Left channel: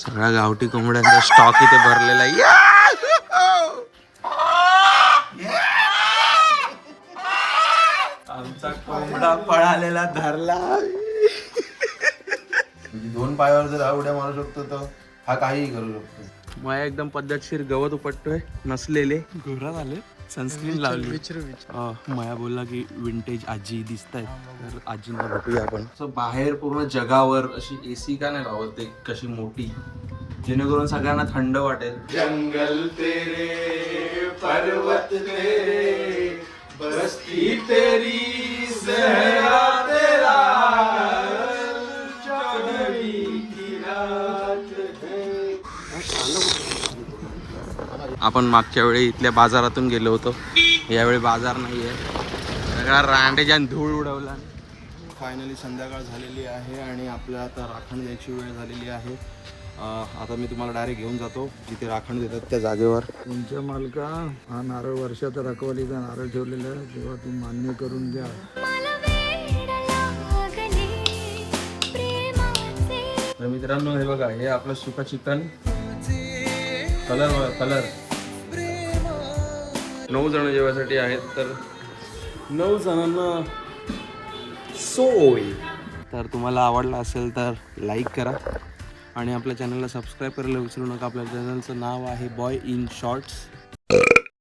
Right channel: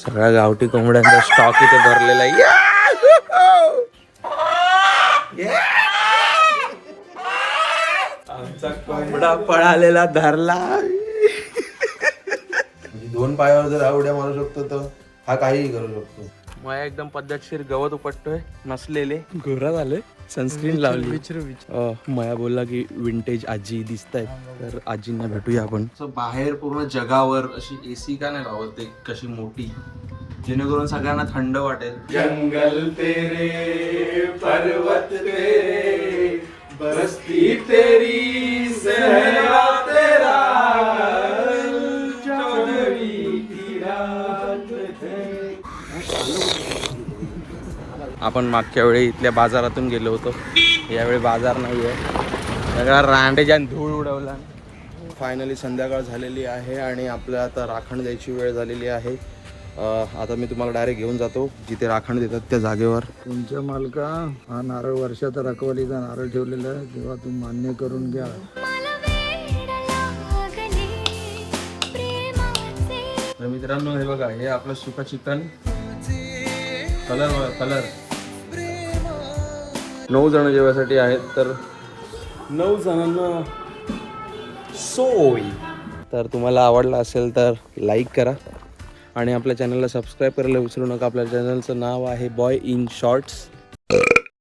सगळ्या गावठी कोंबड्यांचा स्टॉक इथे भरलेला आहे. आमचा कोंबडा पळालेला धरला. दोन पायावर जर आवड्या मारू शकतो तर हा काहीही करू शकतो. मया एकदम पद्धतशीर गवत उपटतोय. नसलेले घोरा झाले. सनस्क्रीन लावली. मया बोलला की विंटेज आजी दिसत आहेत, तर आजींना भेटूया आपण. बाहेर पूर्ण जगावर अशी एसी का नाही लावत कशी मोठी, जेणेकरून सगळ्यांना थंड वाटेल. जंगल तेरे पर्वत तेरे बस्ती तेरी सहरा तेरा आपण मागच्या वेळी इथल्या बाजारातून गेलो होतो. यावेळी बाजार नाही आहे, सगळा रांडेच्या धूळ उडवला. फायनली संध्याकाळ झालेली आहे आणि आपल्याला आता राखण द्यायची वेळ झालेली आहे. आता मी तुम्हाला डायरेक्ट घेऊन जातो जिथे राखण देतात त्या जागेवर. तुमच्या मालका हा नारळ वर्षात रखवालीचा नारळ ठेवलेला आहे, तेव्हा तुम्ही मान्य करून घ्या. तर मित्रांनो हे बघा, हे आपलं सुका चिकन. कलर बघा, कलर. 9 जण जेवायसाठी आहेत, तर 9 जणांना सोय. तर तुम्हाला आवडला असेल तर लाईक करा आणि आपल्या चॅनलला सबस्क्राईब करायला विसरू नका. आपल्या चॅनलचं नाव आहे बॉय इन शॉर्ट्स.